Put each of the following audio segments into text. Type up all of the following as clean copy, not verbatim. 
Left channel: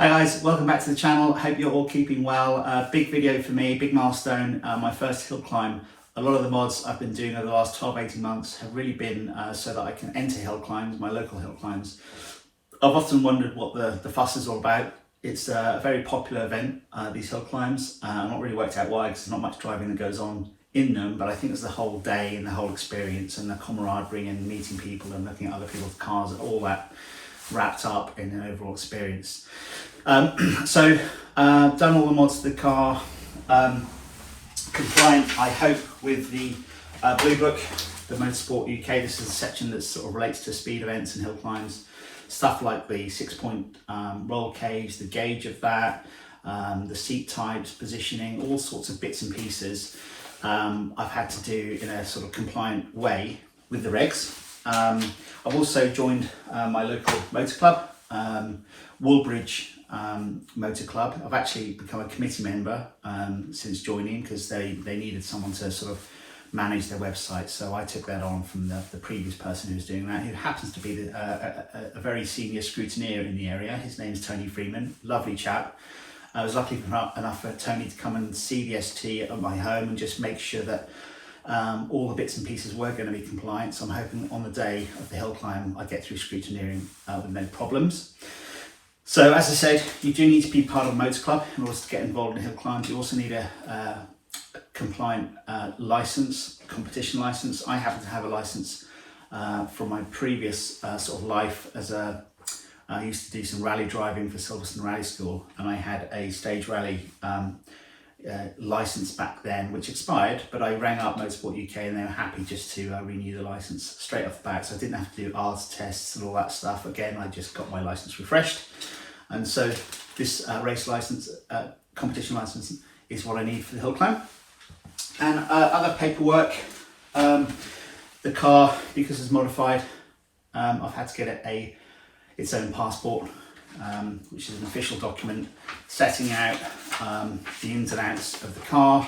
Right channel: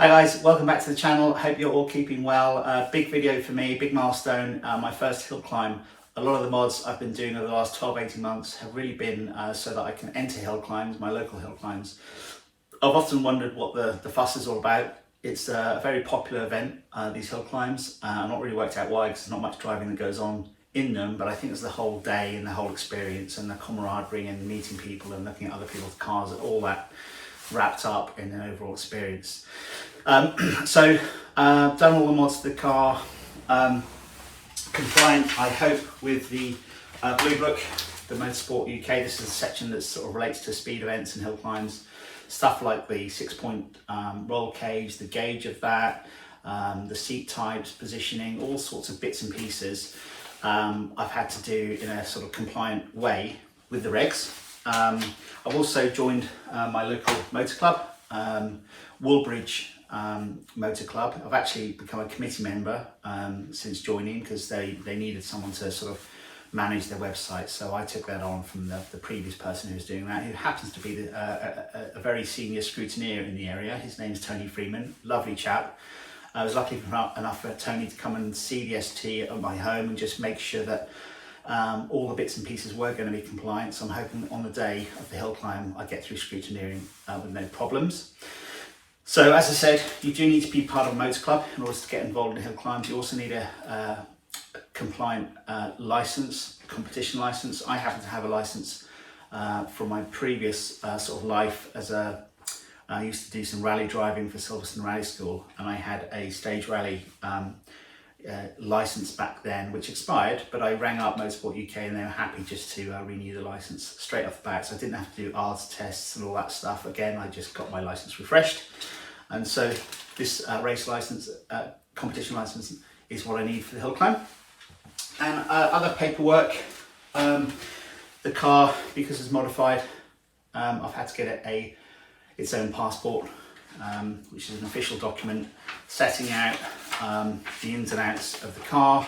Hi guys, welcome back to the channel. Hope you're all keeping well. Big video for me, big milestone, my first hill climb. A lot of the mods I've been doing over the last 12-18 months have really been so that I can enter hill climbs, my local hill climbs. I've often wondered what the fuss is all about. It's a very popular event, these hill climbs. I've not really worked out why, because there's not much driving that goes on in them, but I think it's the whole day and the whole experience and the camaraderie and meeting people and looking at other people's cars, all that wrapped up in an overall experience. Done all the mods to the car, compliant, I hope, with the Blue Book, the Motorsport UK. This is a section that sort of relates to speed events and hill climbs. Stuff like the 6-point roll cage, the gauge of that, the seat types, positioning, all sorts of bits and pieces I've had to do in a sort of compliant way with the regs. I've also joined my local motor club, Woolbridge Motor Club. I've actually become a committee member since joining, because they needed someone to sort of manage their website, so I took that on from the previous person who was doing that, who happens to be a very senior scrutineer in the area. His name's Tony Freeman, lovely chap. I was lucky enough for Tony to come and see the ST at my home and just make sure that all the bits and pieces were going to be compliant. So I'm hoping on the day of the hill climb I get through scrutineering with no problems. So as I said, you do need to be part of a motor club in order to get involved in hill climbs. You also need a compliant license, competition license. I happen to have a license from my previous sort of life as I used to do some rally driving for Silverstone Rally School, and I had a stage rally license back then, which expired, but I rang up Motorsport UK and they were happy just to renew the license straight off the bat, so I didn't have to do ARS tests and all that stuff. Again, I just got my license refreshed, and so this race license, competition license, is what I need for the hill climb. And other paperwork, the car, because it's modified, I've had to get it its own passport, which is an official document setting out the ins and outs of the car,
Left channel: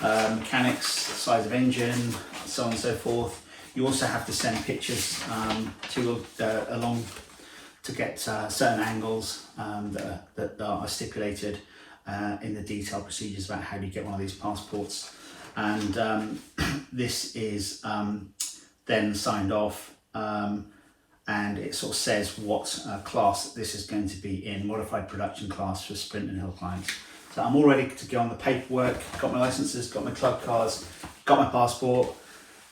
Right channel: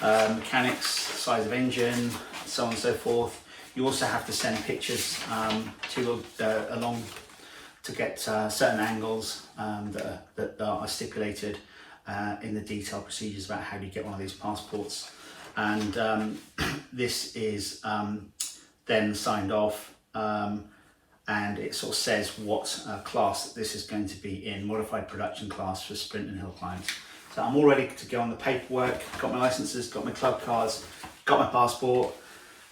mechanics, size of engine, so on and so forth. You also have to send pictures along to get certain angles that are stipulated in the detailed procedures about how do you get one of these passports. And this is then signed off, and it sort of says what class this is going to be in, modified production class for sprint and hill climbs. So I'm all ready to go on the paperwork, got my licenses, got my club cars, got my passport.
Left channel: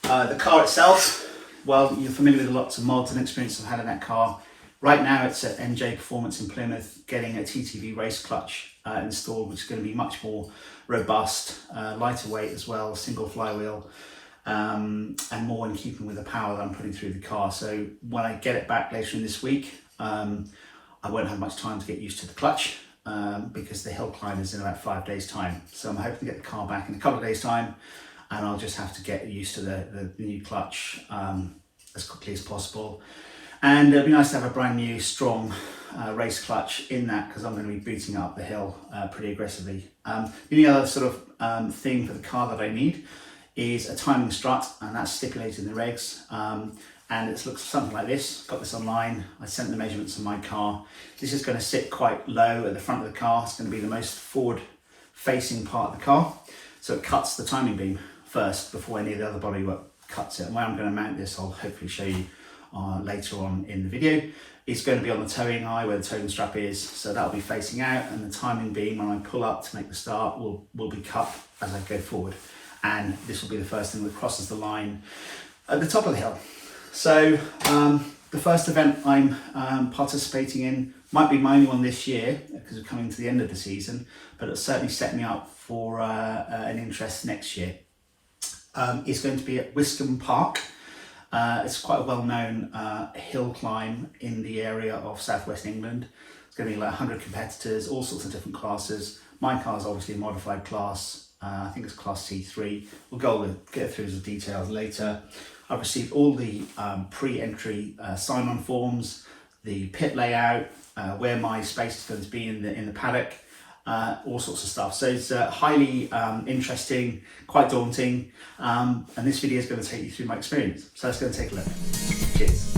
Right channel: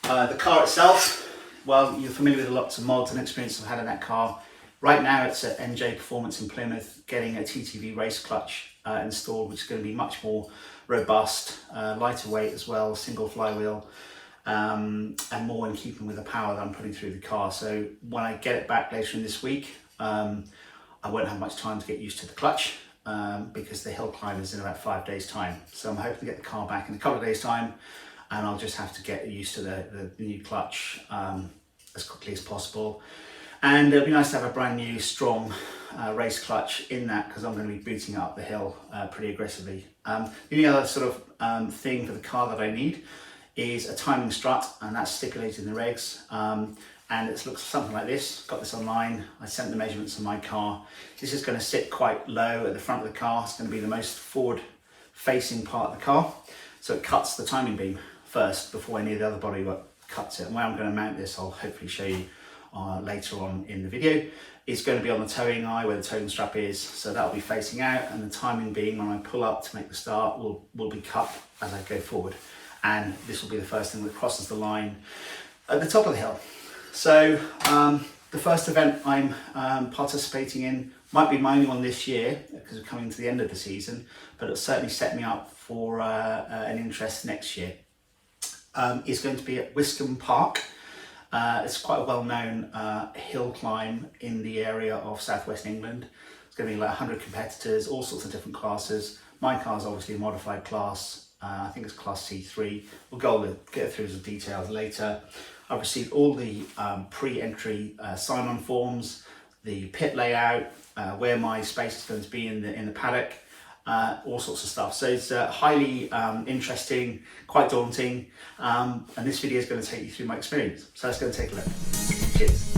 The car itself, well, you're familiar with lots of mods and experience I've had in that car. Right now it's at MJ Performance in Plymouth, getting a TTV race clutch installed, which is going to be much more robust, lighter weight as well, single flywheel, and more in keeping with the power that I'm putting through the car. So when I get it back later in this week, I won't have much time to get used to the clutch, because the hill climb is in about 5 days time. So I'm hoping to get the car back in a couple of days time, and I'll just have to get used to the new clutch as quickly as possible. And it'll be nice to have a brand new strong race clutch in that, because I'm going to be booting up the hill pretty aggressively. The only other sort of thing for the car that I need is a timing strut, and that's stipulated in the regs. And it looks something like this. Got this online. I sent the measurements of my car. This is going to sit quite low at the front of the car. It's going to be the most forward facing part of the car. So it cuts the timing beam first before any of the other bodywork cuts it. And where I'm going to mount this, I'll hopefully show you later on in the video. It's going to be on the towing eye where the towing strap is, so that'll be facing out, and the timing beam when I pull up to make the start will be cut as I go forward, and this will be the first thing that crosses the line at the top of the hill. So the first event I'm participating in might be my only one this year, because we're coming to the end of the season, but it'll certainly set me up for an interest next year. It's going to be at Wiscombe Park. It's quite a well-known hill climb in the area of southwest England. It's going to be like 100 competitors, all sorts of different classes. My car is obviously a modified class. I think it's class C3. We'll get through the details later. I've received all the pre-entry sign-on forms, the pit layout, where my space is going to be in the paddock, all sorts of stuff. So it's highly interesting, quite daunting, and this video is going to take you through my experience. So let's go and take a look. Cheers.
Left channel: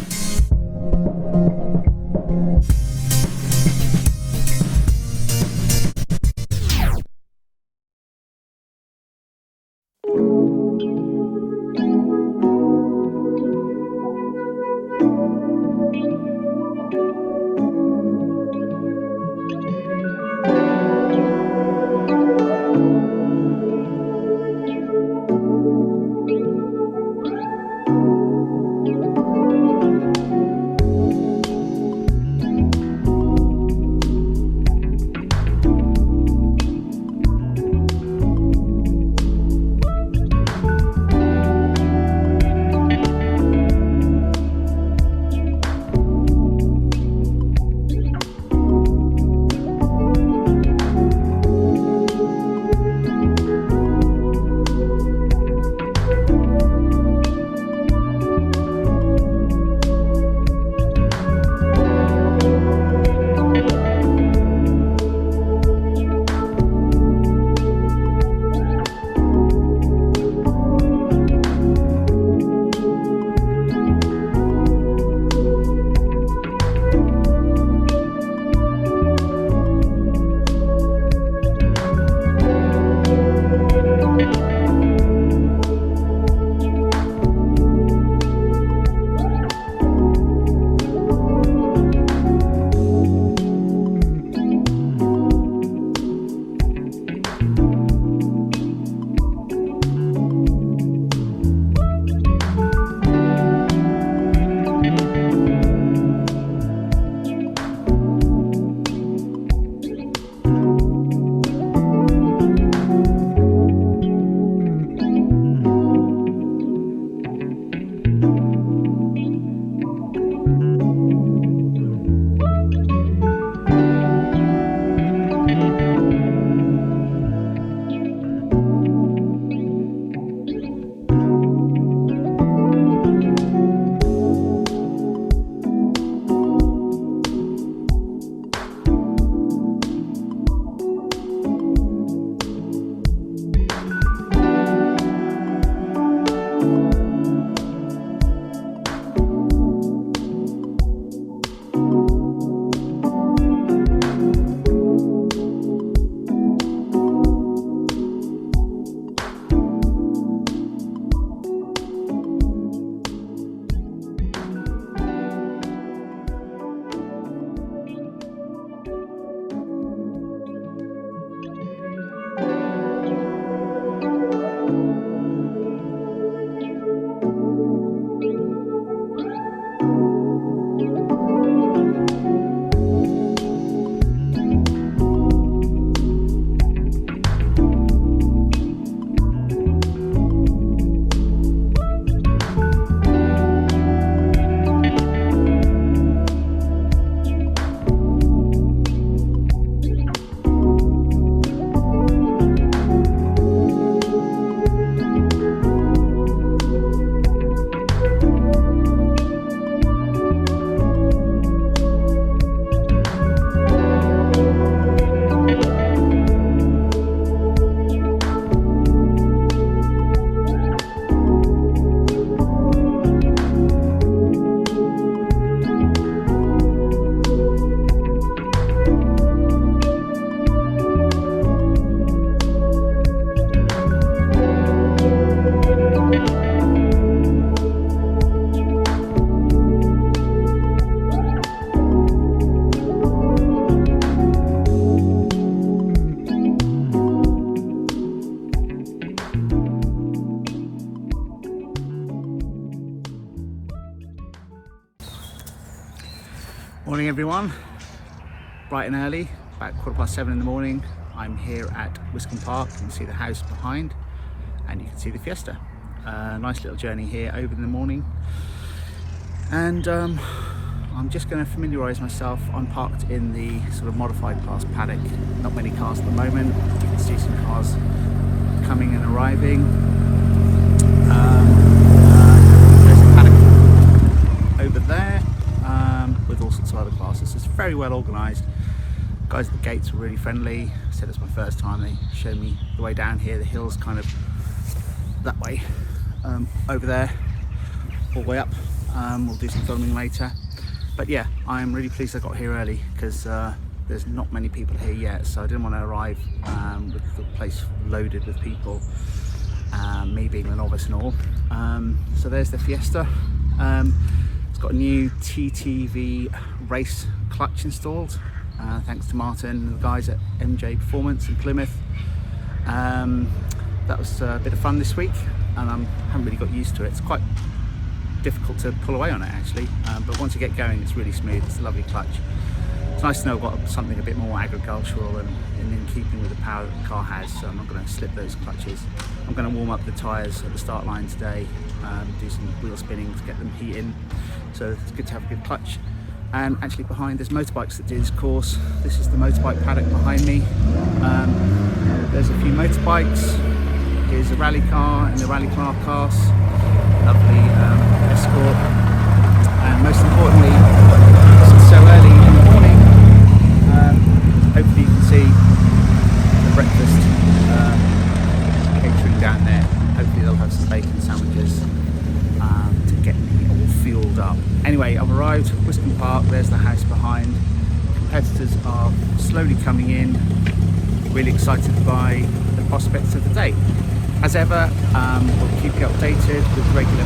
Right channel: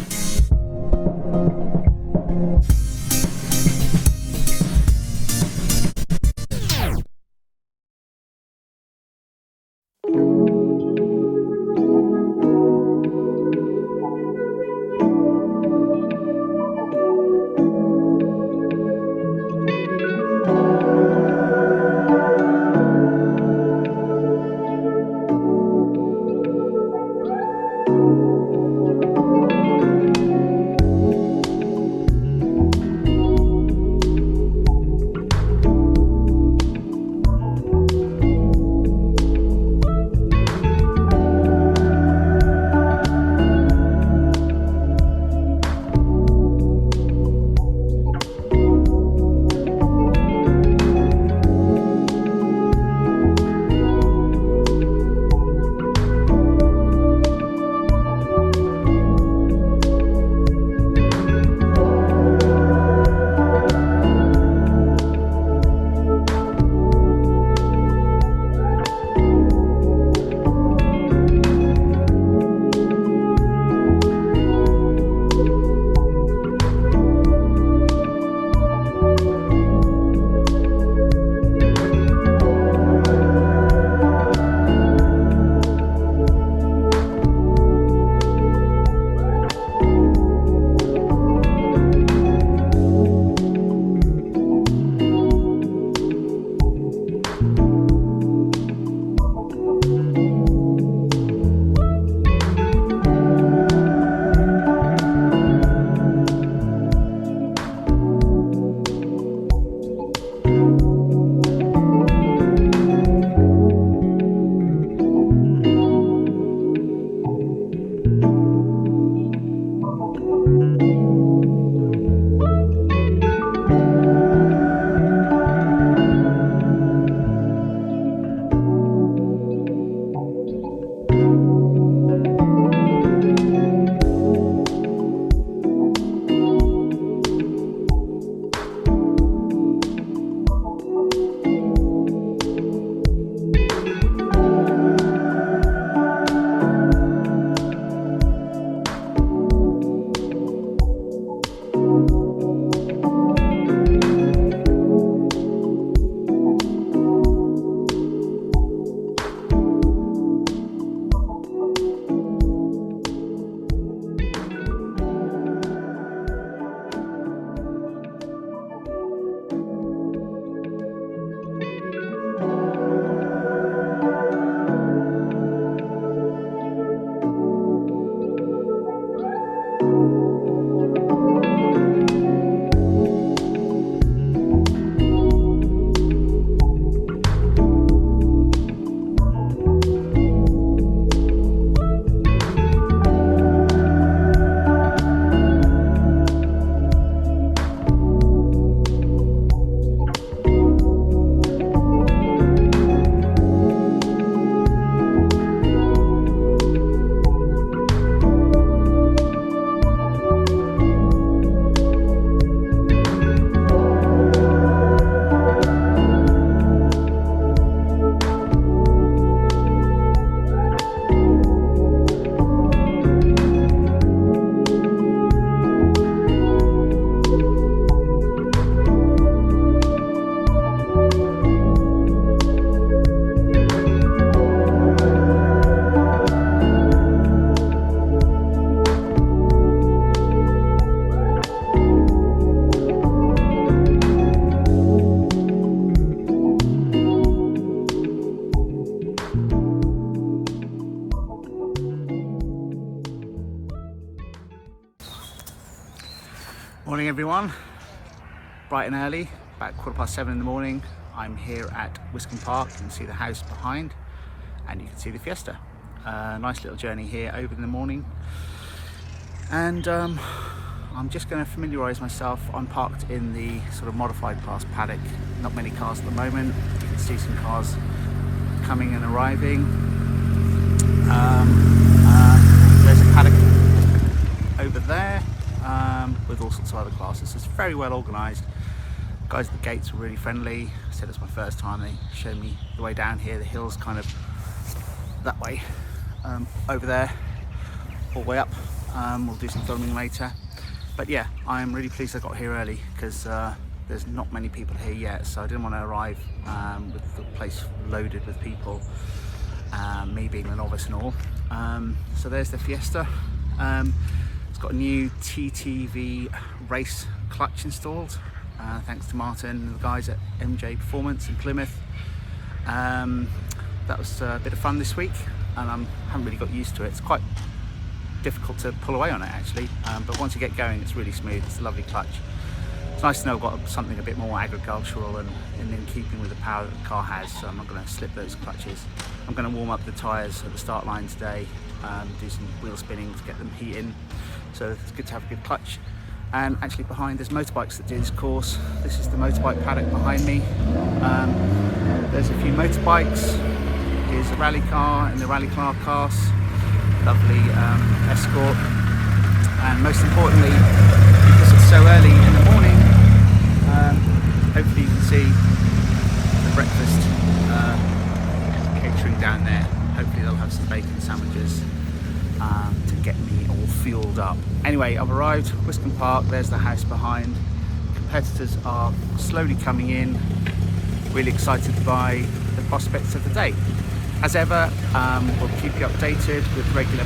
everyone, bright and early, about 7:15 in the morning. I'm here at Wiscombe Park. You can see the house behind and you can see the Fiesta. Nice little journey here over in the morning, and I'm just going to familiarise myself. I'm parked in the sort of modified class paddock. Not many cars at the moment. You can see some cars coming and arriving. There's a paddock over there with all sorts of other classes. It's very well organised. Guys at the gates were really friendly. I said it's my first time. They showed me the way down here. The hill's kind of that way, over there, all the way up. We'll do some filming later. But yeah, I'm really pleased I got here early because there's not many people here yet, so I didn't want to arrive with the place loaded with people, me being a novice and all. So there's the Fiesta. It's got a new TTV race clutch installed, thanks to Martin and the guys at MJ Performance in Plymouth. That was a bit of fun this week, and I haven't really got used to it. It's quite difficult to pull away on it actually, but once you get going it's really smooth. It's a lovely clutch. It's nice to know I've got something a bit more agricultural and in keeping with the power that the car has, so I'm not going to slip those clutches. I'm going to warm up the tyres at the start line today, do some wheel spinning to get them heating, so it's good to have a good clutch. And actually behind there's motorbikes that do this course. This is the motorbike paddock behind me. There's a few motorbikes. Here's a rally car in the rally car class. Lovely Escort, and most importantly, because it's so early in the morning, hopefully you can see the breakfast catering down there. Hopefully they'll have some bacon sandwiches to get me all fueled up. Anyway, I've arrived at Wiscombe Park. There's the house behind. Competitors are slowly coming in. Really excited by the prospects of the day. As ever, we'll keep you updated with regular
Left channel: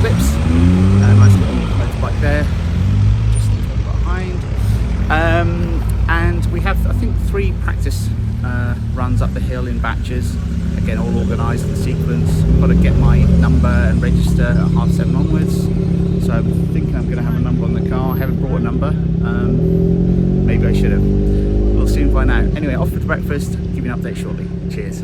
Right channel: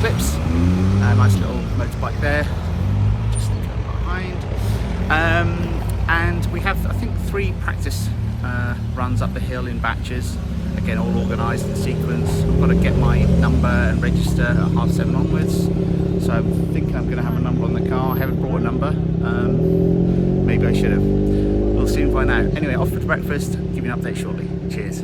clips. A nice little motorbike there, just go behind. And we have, I think, 3 practice runs up the hill in batches. Again, all organised in sequence. I've got to get my number and register at 7:30 onwards. So I'm thinking I'm going to have a number on the car. I haven't brought a number. Maybe I should have. We'll soon find out. Anyway, off with breakfast. Give you an update shortly. Cheers.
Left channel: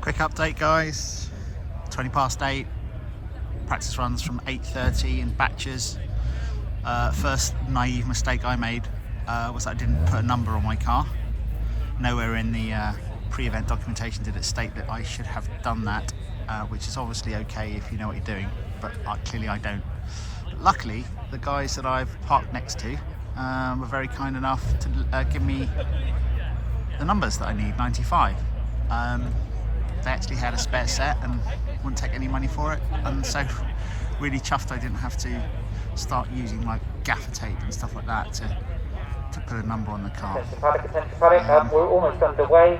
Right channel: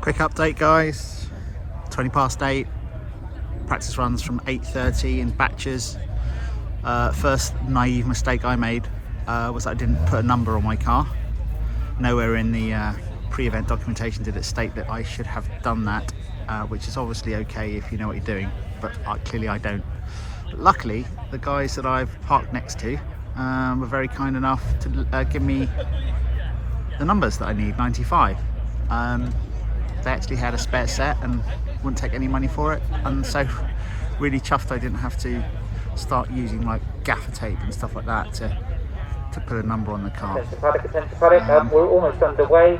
Quick update guys, 8:20. Practice runs from 8:30 in batches. First naive mistake I made was that I didn't put a number on my car. Nowhere in the pre-event documentation did it state that I should have done that, which is obviously okay if you know what you're doing, but clearly I don't. But luckily, the guys that I've parked next to were very kind enough to give me the numbers that I need, 95. They actually had a spare set and wouldn't take any money for it, and so really chuffed I didn't have to start using like gaffer tape and stuff like that to put a number on the car. We're almost underway.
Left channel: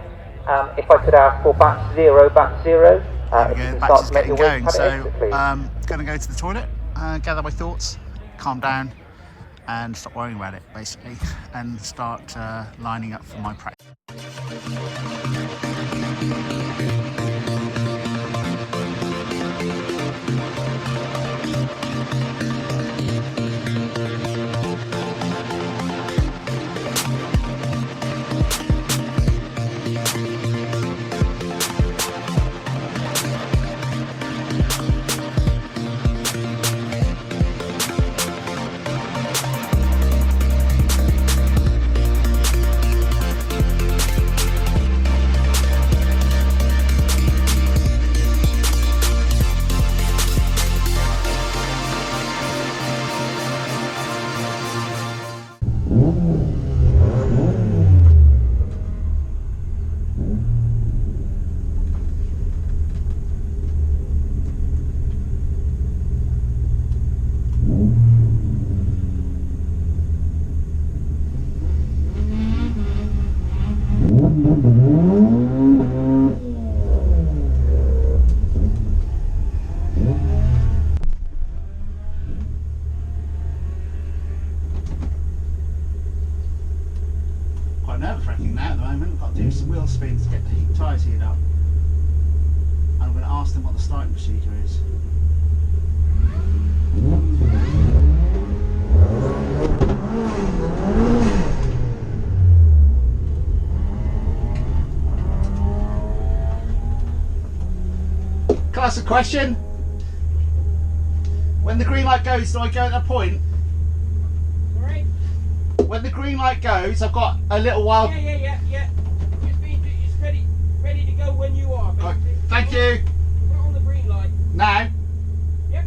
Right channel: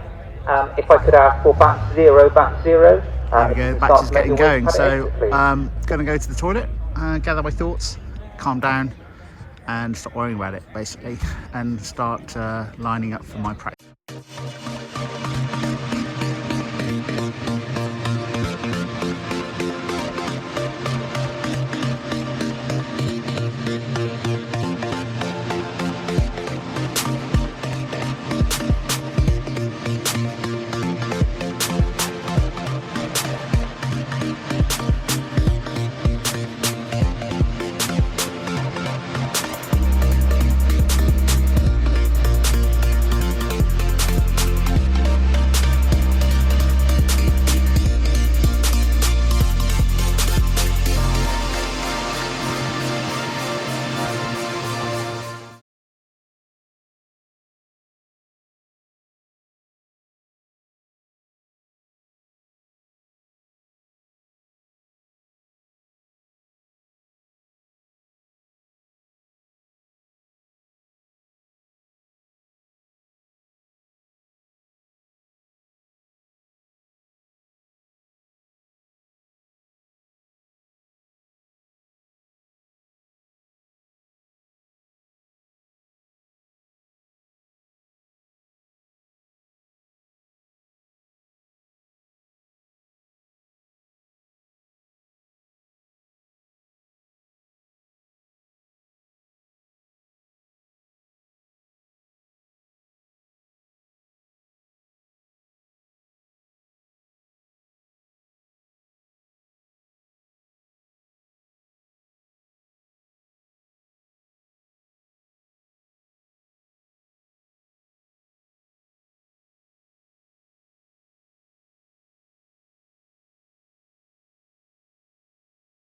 If I could have for batch 0. There we go, batch is getting going, so I'm going to go to the toilet, gather my thoughts, calm down and stop worrying about it basically, and start lining up for my practice. at the moment. I've got to do some wheel spins to get the tyres heated up. And I'm going to ask them what the starting procedure is. Can I ask a question? When the green light goes, do I go at that point? Sorry? When the green light goes, I've got a little while. Yeah. It's ready to go when you are, Right, basically. thank you. Put on the green light. Now. Yep.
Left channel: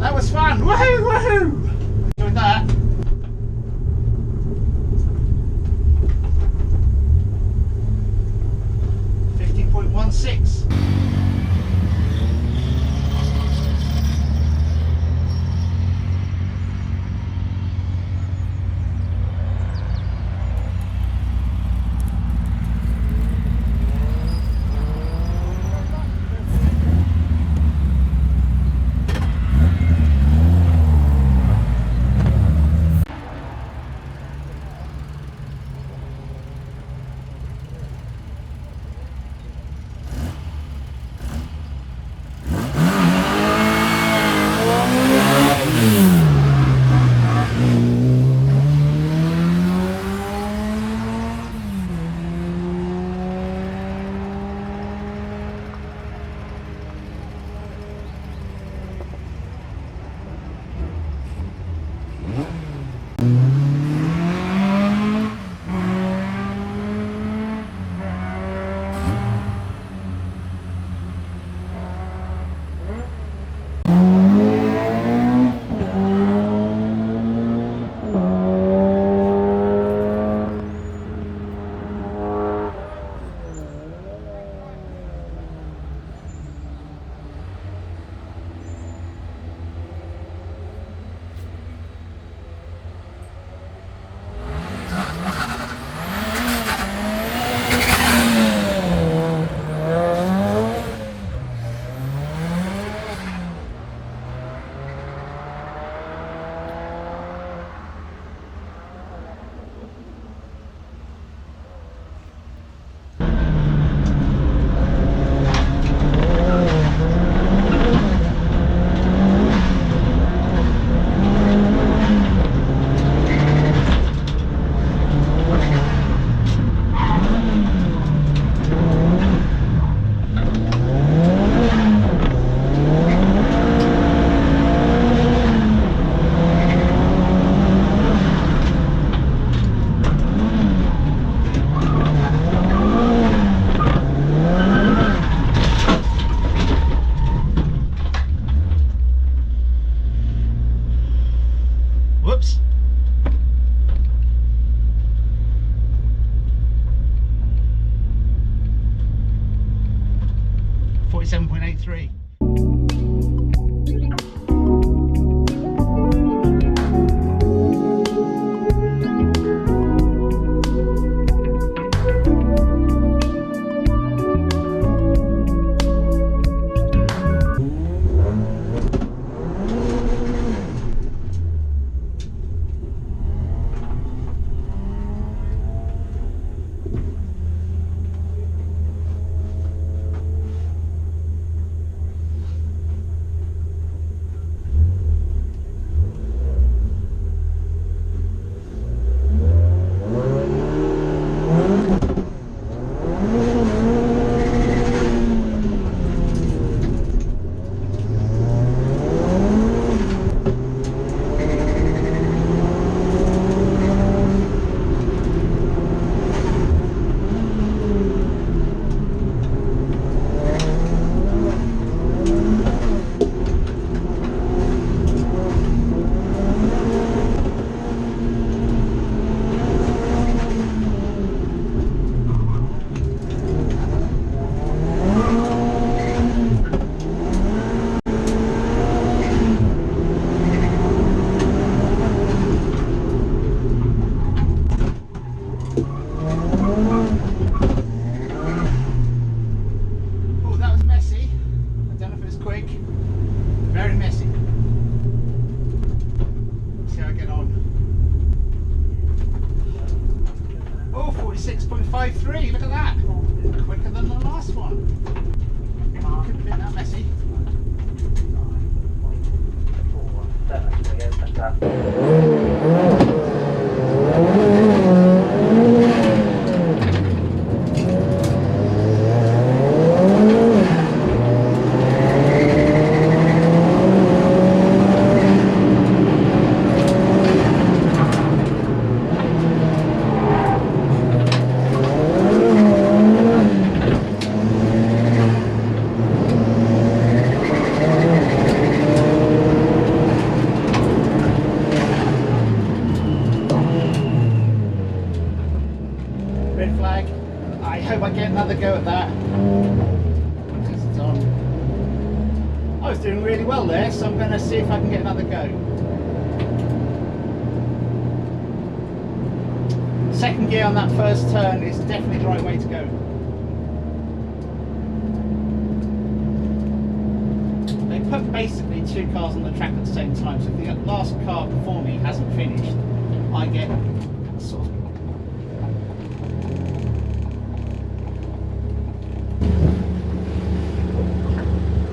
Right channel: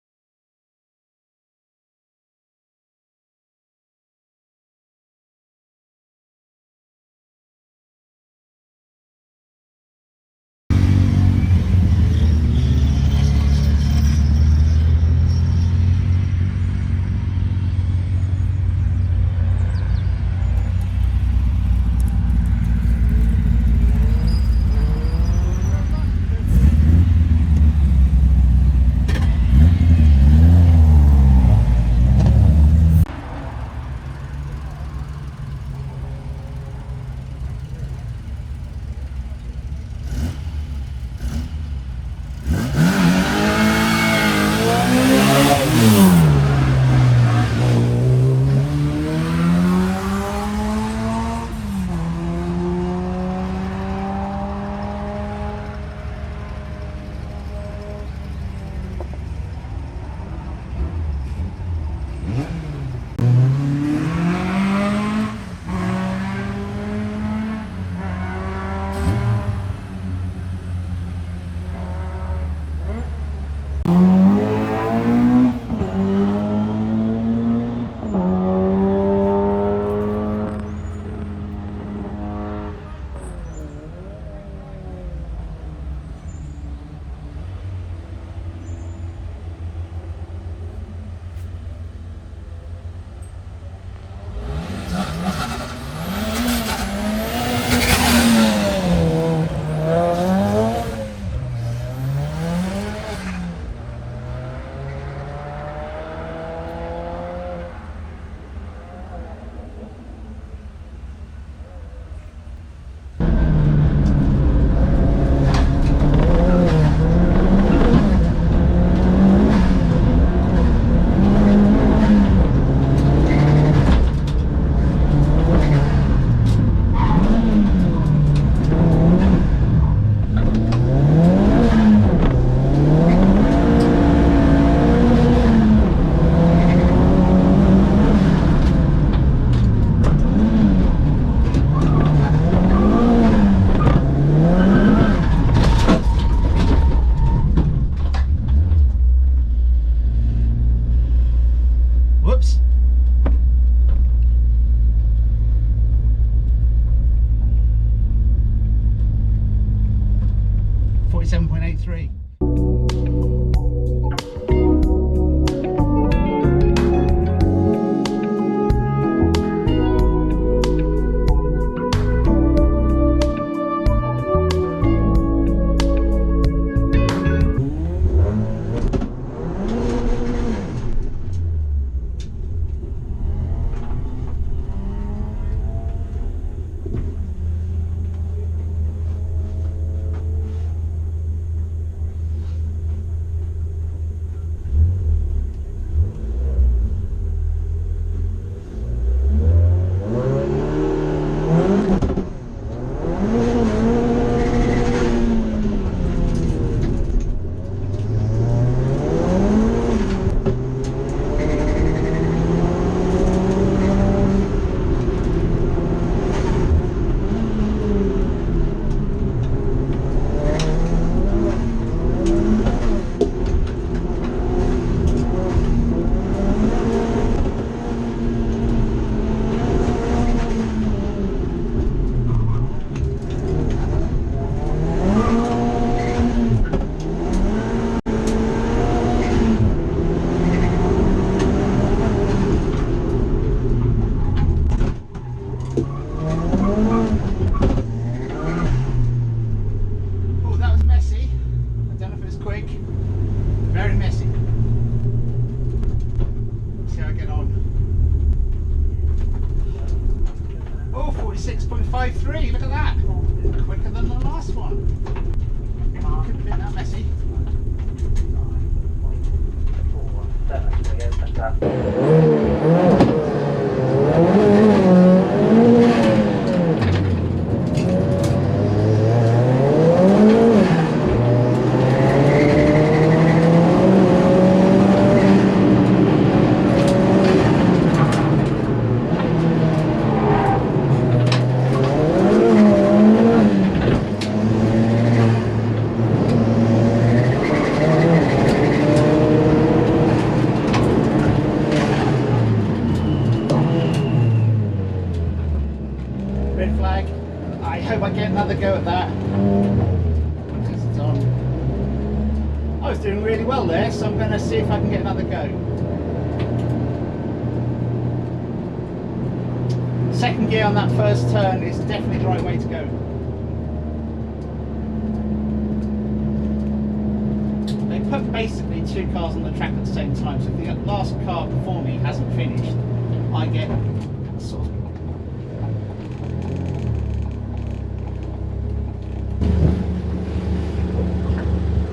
That was fun! Woohoo! Woohoo! Doing that. .16. Whoops. .83. 46.53, look at that. Quicker than the last one. Couldn't have been that messy. Red flag. I hope I get another go at that. It's on. I was doing really well there, so I'm going to see if I can get another go. Second gear on that first turn is definitely the right way to go. They put basically two cars on the track at the same time, so if the last car before me hasn't finished, I get sort of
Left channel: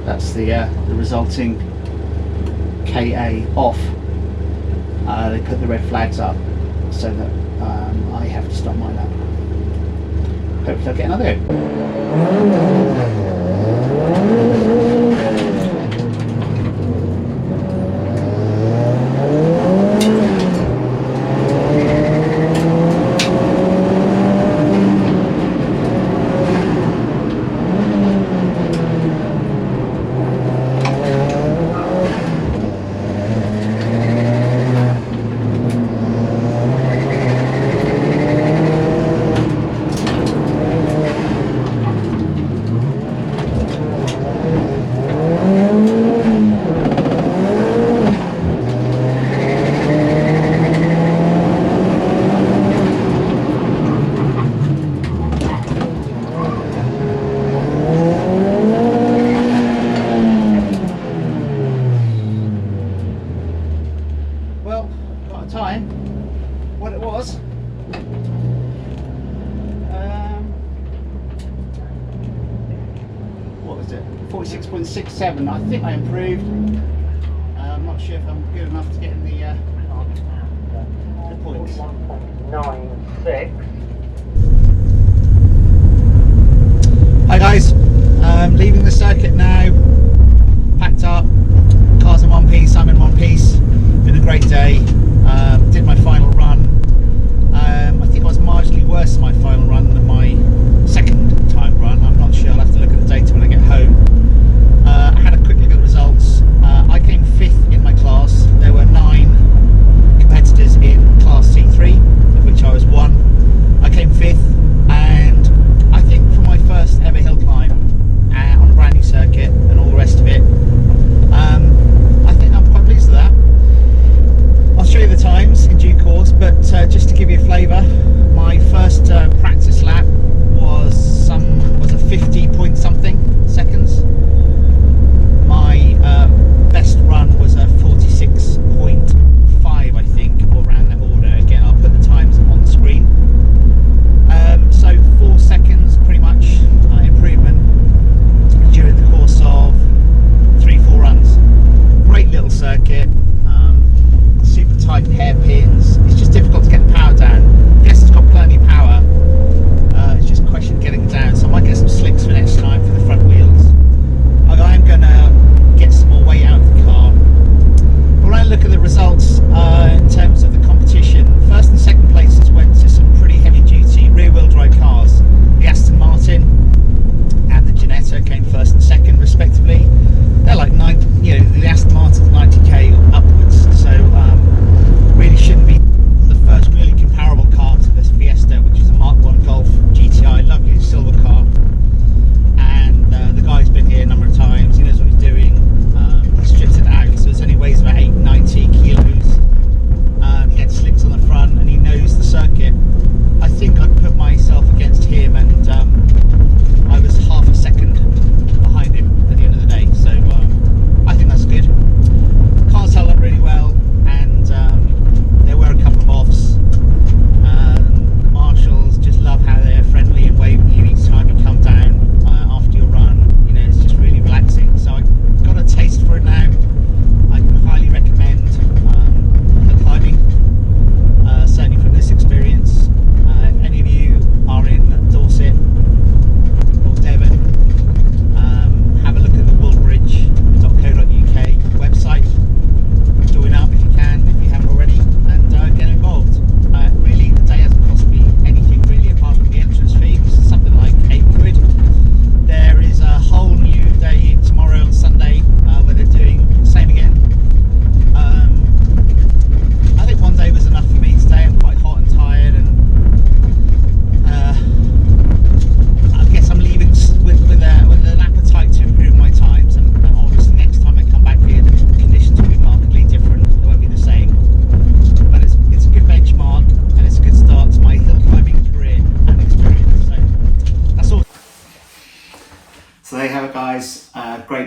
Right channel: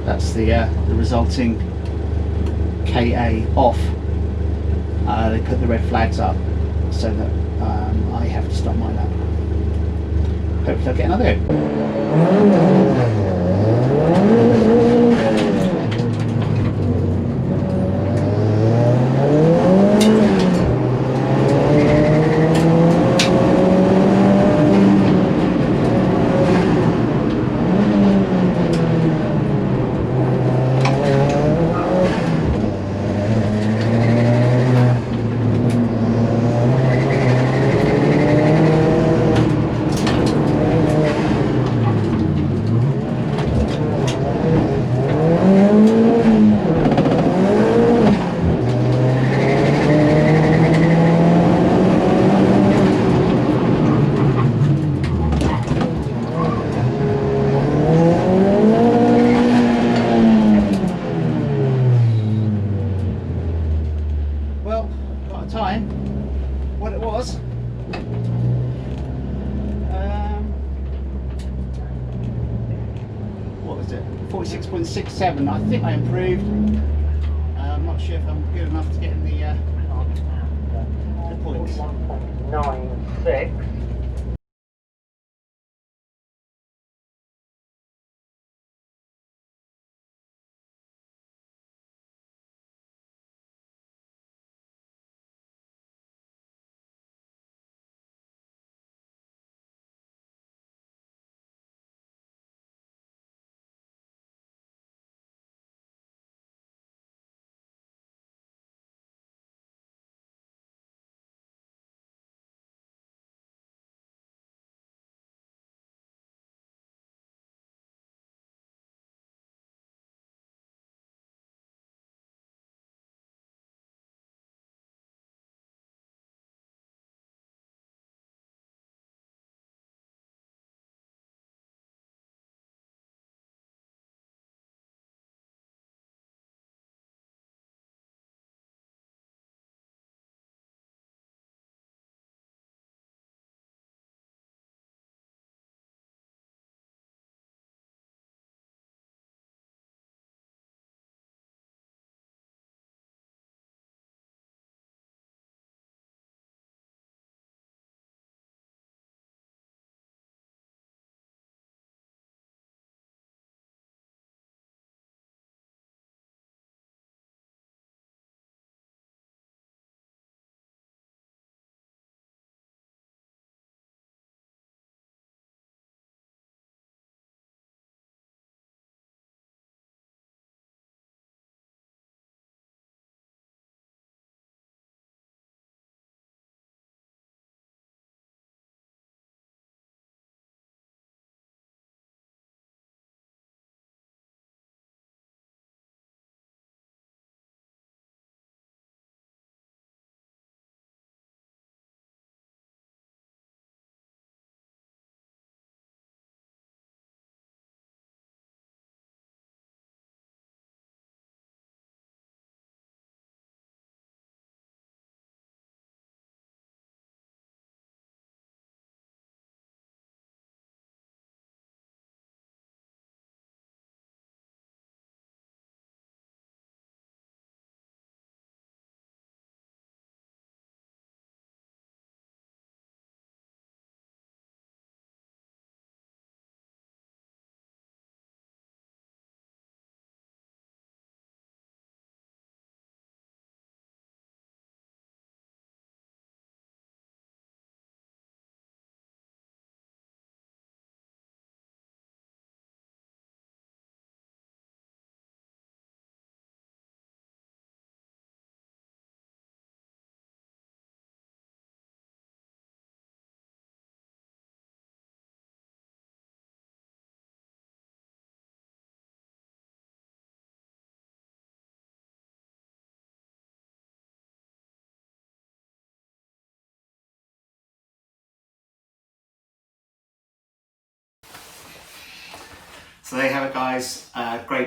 that's the resulting KA off. They put the red flags up so that I have to stop my lap. Hopefully I'll get another go. Time, what it was, what was it, 46.67. I think I improved. I'm not sure if I'm good enough to get in the points. 96. Hi guys, leaving the circuit now, packed up, car's in one piece, I'm in one piece, been a great day. Did my final run. I think I was marginally worse in my final run than my second time run. I'm not sure, I'll have to look at the data when I get home. I had a quick look at the results. I came 5th in my class. There were 9 competitors in class C3, of which I was 1. I came 5th, and I think for my first ever hill climb on a brand new circuit and all the rest of it, I think I'm quite pleased with that. I'll show you the times in due course, but just to give you a flavour, my first practice lap was a 50 point something seconds. My best run was a 46.5, I think, or around that order. Again, I'll put the times on the screen. So 4 seconds pretty much improvement during the course of 3-4 runs. Great little circuit. Super tight hairpins. It's just difficult to get the power down. Fiesta's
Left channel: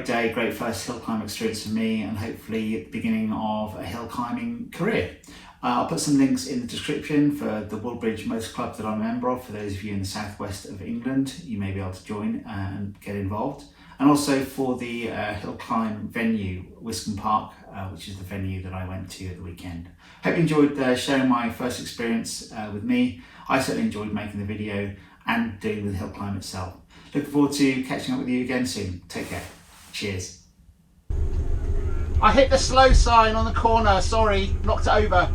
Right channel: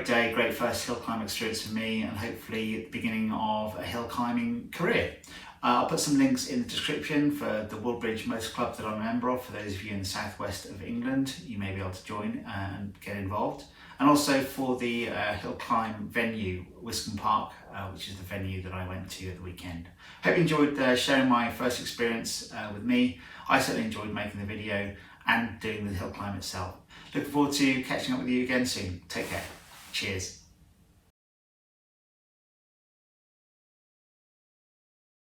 day, great first hill climb experience for me, and hopefully the beginning of a hill climbing career. I'll put some links in the description for the Woodbridge Motor Club that I'm a member of. For those of you in the southwest of England, you may be able to join and get involved. And also for the hill climb venue, Wiscombe Park, which is the venue that I went to at the weekend. Hope you enjoyed sharing my first experience with me. I certainly enjoyed making the video and doing the hill climb itself. Looking forward to catching up with you again soon. Take care. Cheers. I hit the slow sign on the corner, sorry, knocked it over.